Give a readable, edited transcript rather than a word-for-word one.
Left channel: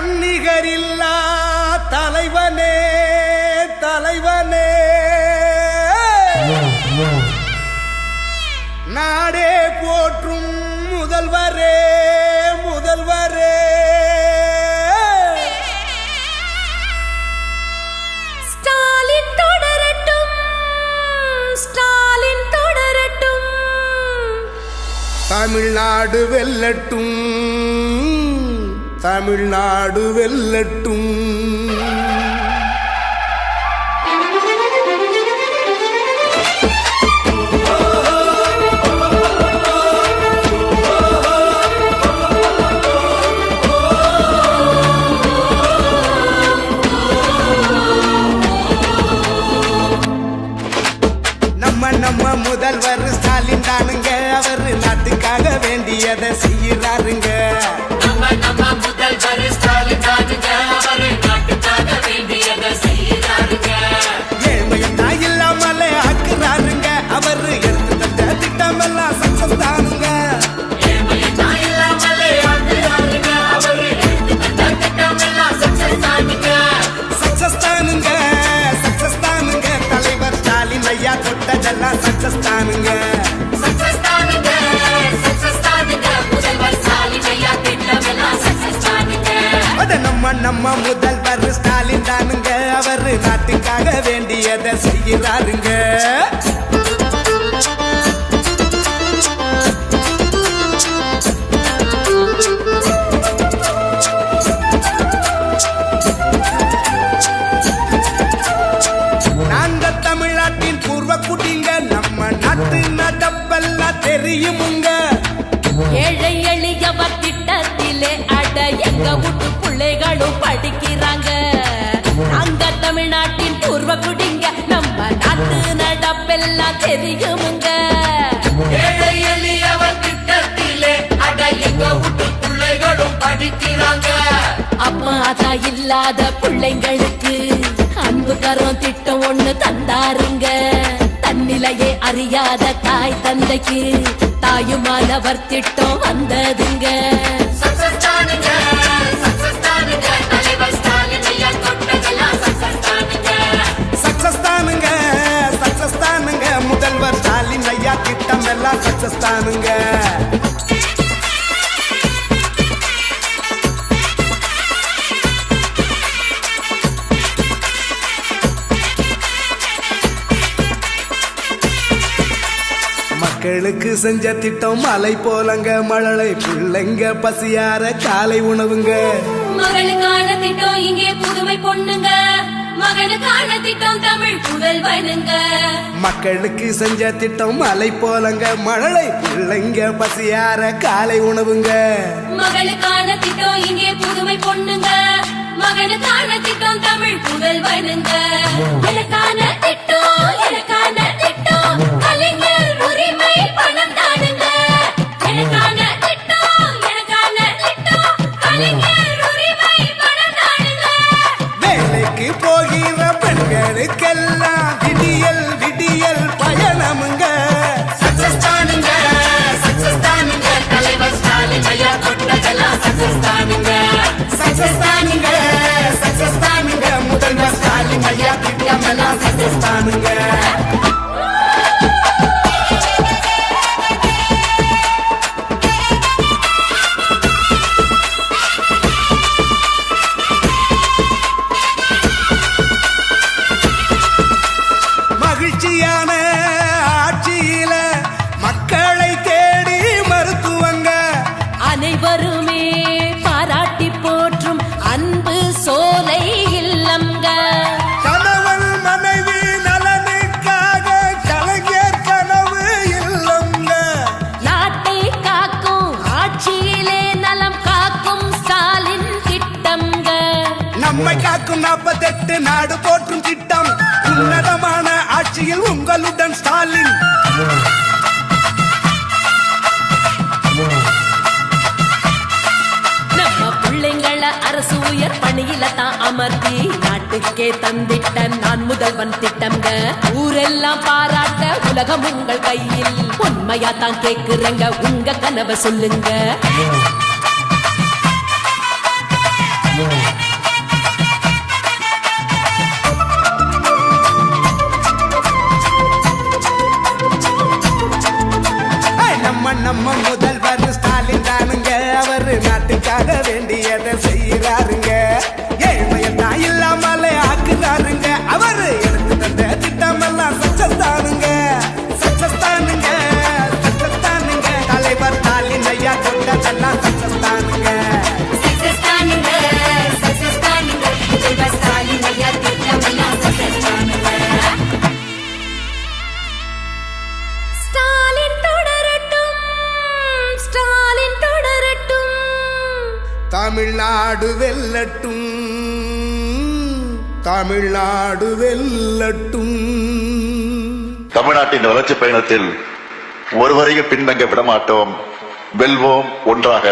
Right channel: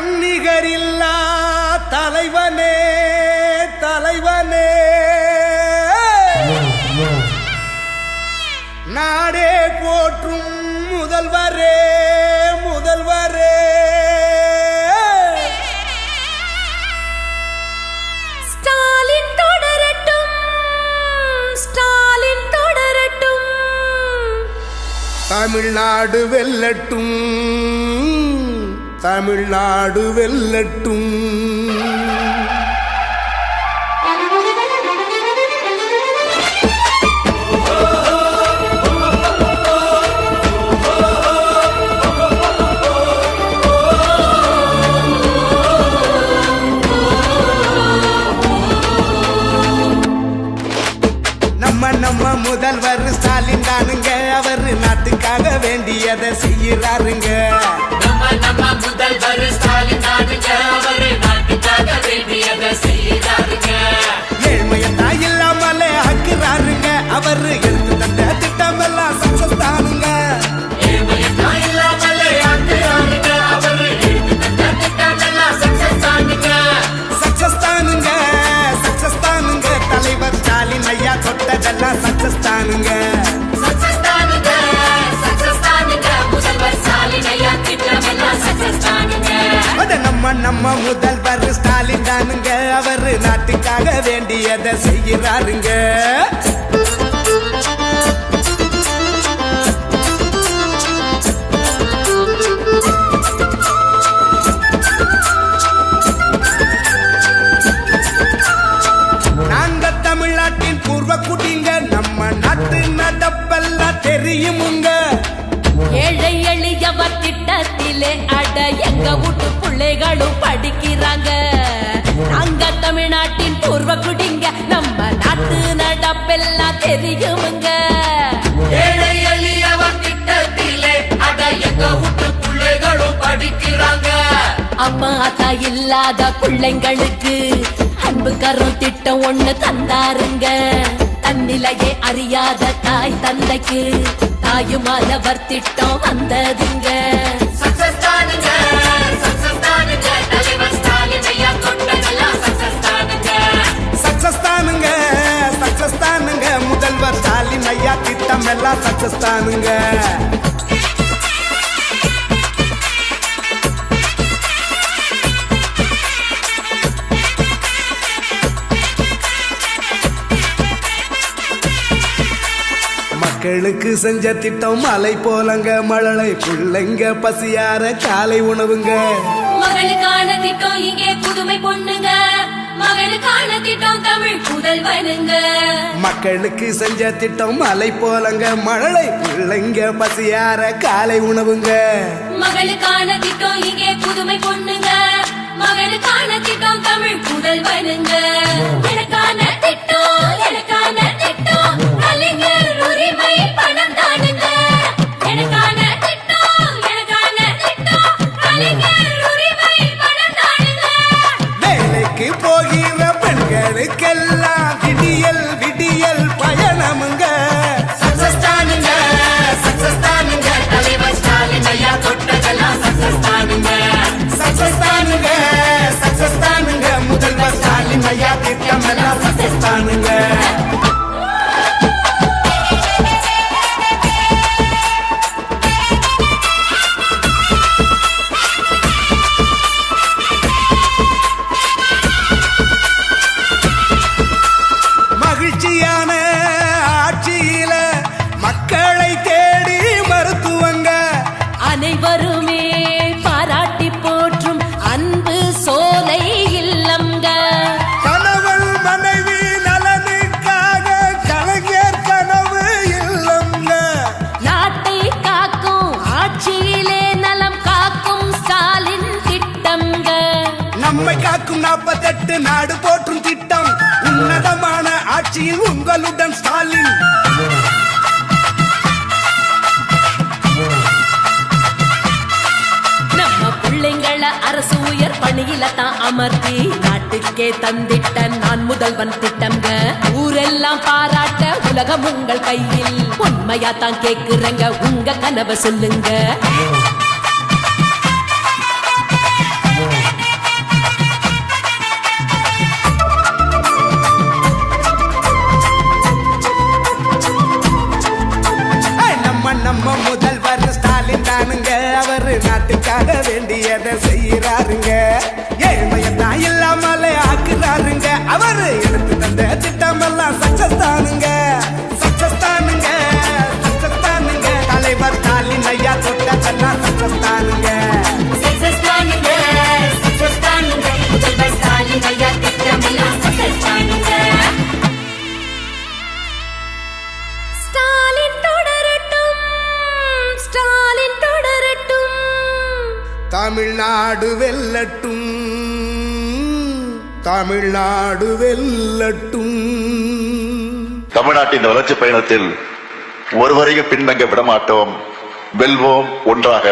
தன்னிகரில்லா தலைவனே தலைவனே நாடே போற்றும் முதல்வரே முதல்வரே ஸ்டாலின் தொடரட்டும் ஸ்டாலின் தொடரட்டும் தமிழ்நாடு வெல்லட்டும் தமிழ்நாடு வெல்லட்டும் நம்ம முதல்வர் ஸ்டாலின் தானுங்க அவரு நாட்டுக்காக வேண்டியதை செய்யறாருங்க ஏழ்மையத்தான் இல்லாமலே ஆக்குறாருங்க அவரு எடுத்து தந்த திட்டம் எல்லாம் சக்சஸ் தானுங்க சக்சஸ் தானுங்க சக்சஸ் தானுங்க தலைவர் ஸ்டாலின் ஐயா தொட்டதெல்லாம் சக்சஸ் தானுங்க நம்ம முதல்வர் ஸ்டாலின் தானுங்க அவரு நாட்டுக்காக வேண்டியதை செய்யறாருங்க நாங்க தமிழ்நாட்டின் பூர்வ குடிங்க நம்ம நாட்டு நடப்பெல்லாம் தெரியுமுங்க ஏழை எளியவர் திட்டத்திலே அட எங்க வீட்டு பிள்ளைகளும் படிக்கிறாங்க நாங்க தமிழ்நாட்டின் பூர்வ குடிங்க நம்ம நாட்டு நடப்பெல்லாம் தெரியுமுங்க ஏழை எளியவர் திட்டத்திலே அட எங்க வீட்டு பிள்ளைகளும் படிக்கிறாங்க அம்மா அதா இல்லாத பிள்ளைங்களுக்கு அன்பு தரும் திட்டம் ஒன்று தந்தாருங்க தன்னிலையே அறியாத தாய் தந்தைக்கு தாயுமானவர் திட்டம் வந்ததுங்க சக்சஸ் தானுங்க சக்சஸ் தானுங்க முதல்வர் ஸ்டாலின் ஐயா திட்டம் எல்லாம் சக்சஸ் தானுங்க மக்களுக்கு செஞ்ச திட்டம் மலை போலங்க மழலை பிள்ளைங்க பசியார காலை உணவுங்க மக்களுக்கு செஞ்ச திட்டம் மலை போலங்க மழலை பிள்ளைங்க பசியார காலை உணவுங்க வேலைக்கு போகிற பெண்களுக்கெல்லாம் விடியல் விடியல் பயணமுங்க சக்சஸ் தானுங்க சக்சஸ் தானுங்க தலைவர் ஸ்டாலின் ஐயா தொட்டதெல்லாம் சக்சஸ் தானுங்க சக்சஸ் தானுங்க சக்சஸ் தானுங்க முதல்வர் ஸ்டாலின் ஐயா திட்டம் எல்லாம் சக்சஸ் தானுங்க மகிழ்ச்சியான ஆட்சியில மக்களை தேடி மருத்துவங்க அனைவருமே பாராட்டி போற்றும் அன்பு சோலை இல்லம்ங்க கணவன் மனைவி நலனுக்காக கலைஞர் கனவு இல்லம்ங்க நாட்டை காக்கும் ஆட்சியிலே நலம் காக்கும் ஸ்டாலின் திட்டம்ங்க நம்மை காக்கும் 48 நாடு போற்றும் திட்டம் உன்னதமான ஆட்சியில் உங்களுடன் ஸ்டாலின் நம்ம பிள்ளைங்கள அரசு உயர் பணியில தான் அமர்த்தி நாட்டுக்கே தந்திட்ட நான் முதல்வன் திட்டம்ங்க ஊரெல்லாம் பாராட்ட உலகம் உங்கள் கையில் உண்மையா தான் கேக்குறங்க உங்க கனவை சொல்லுங்க நம்ம முதல்வர் ஸ்டாலின் தானுங்க, அவரு நாட்டுக்காக வேண்டியதை செய்யறாருங்க. ஏழ்மையத்தான் இல்லாமலே ஆக்குறாருங்க, அவரு எடுத்து தந்த திட்டம் எல்லாம் சக்சஸ் தானுங்க, சக்சஸ் தானுங்க, சக்சஸ் தானுங்க. தலைவர் ஸ்டாலின் ஐயா தொட்டதெல்லாம் சக்சஸ் தானுங்க, சக்சஸ் தானுங்க, சக்சஸ் தானுங்க. முதல்வர் ஸ்டாலின் ஐயா திட்டமெல்லாம் சக்சஸ் தானுங்க. ஸ்டாலின் தொடரட்டும், ஸ்டாலின் தொடரட்டும், தமிழ்நாடு வெல்லட்டும், தமிழ்நாடு வெல்லட்டும். தமிழ்நாட்டின் வளர்ச்சி பயணத்தில் ஒருவரையும் பின்தங்க விடமாட்டோம். வெல்வோம் ஒன்றாக.